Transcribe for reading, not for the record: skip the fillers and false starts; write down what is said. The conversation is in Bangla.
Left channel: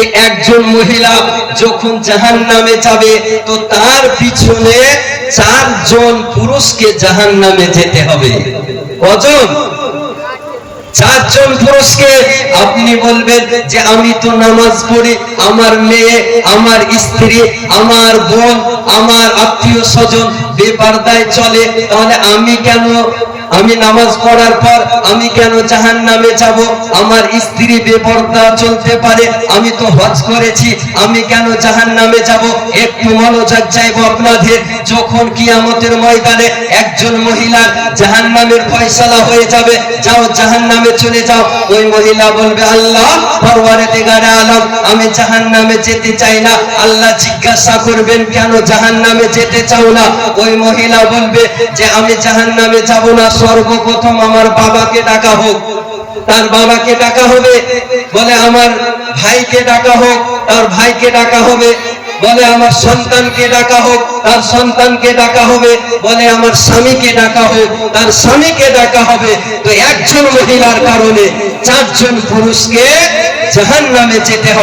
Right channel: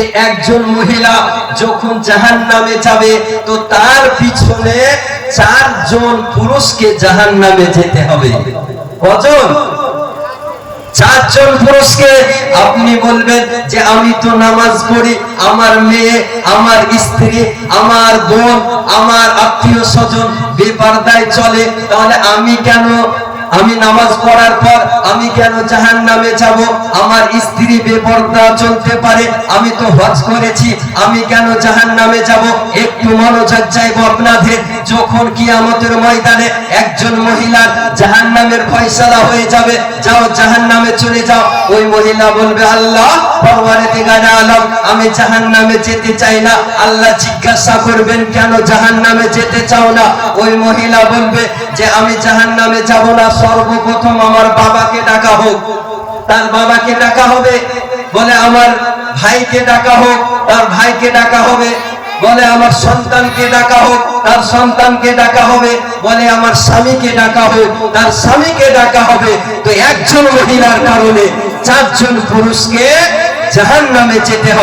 যে একজন মহিলা যখন জাহান্নামে যাবে তো তার পিছনে 4 জন পুরুষকে জাহান্নামে যেতে হবে। কজন? 4 জন পুরুষকে। আপনি বলবেন যে আমি তো নামাজ পড়ি, আমার মেয়ে, আমার স্ত্রী, আমার বোন, আমার আত্মীয় স্বজন বেপরদায় চলে, তাহলে আমি নামাজ পড়ার পর আমি কেন জাহান্নামে যাব? আমার স্ত্রী বেপরদা চলতে পারে, আমি তো হজ করেছি, আমি কেন জাহান্নামে যাব? একটু মনোযোগ চাইবো আপনাদের। যখন কিয়ামতের ময়দানে একজন মহিলার জাহান্নামের ফয়সালা হয়ে যাবে, যাও জাহান্নামে চলে যাও, ওই মহিলা বলবে আল্লাহ পরওয়ারদিগার আলম, আমি জাহান্নামে যেতে চাই না। আল্লাহ জিজ্ঞাসা করবেন কেন জাহান্নামে যেতে চাও না? ওই মহিলা বলবে যে আমি জাহান্নামে যাব না, সর্বপ্রথম আমার বাবাকে ডাকা হোক। তার বাবাকে ডাকা হবে, বলে আমার ভাইকে ডাকা হোক, তার ভাইকে ডাকা হবে, বলে আমার সন্তানকে ডাকা হোক, তার সন্তানকে ডাকা হবে, বলে আমার স্বামীকে ডাকা হোক, তার স্বামীকে ডাকা হবে। তো একজন মহিলার কারণে 4 জন পুরুষকে জাহান্নামে যেতে হবে।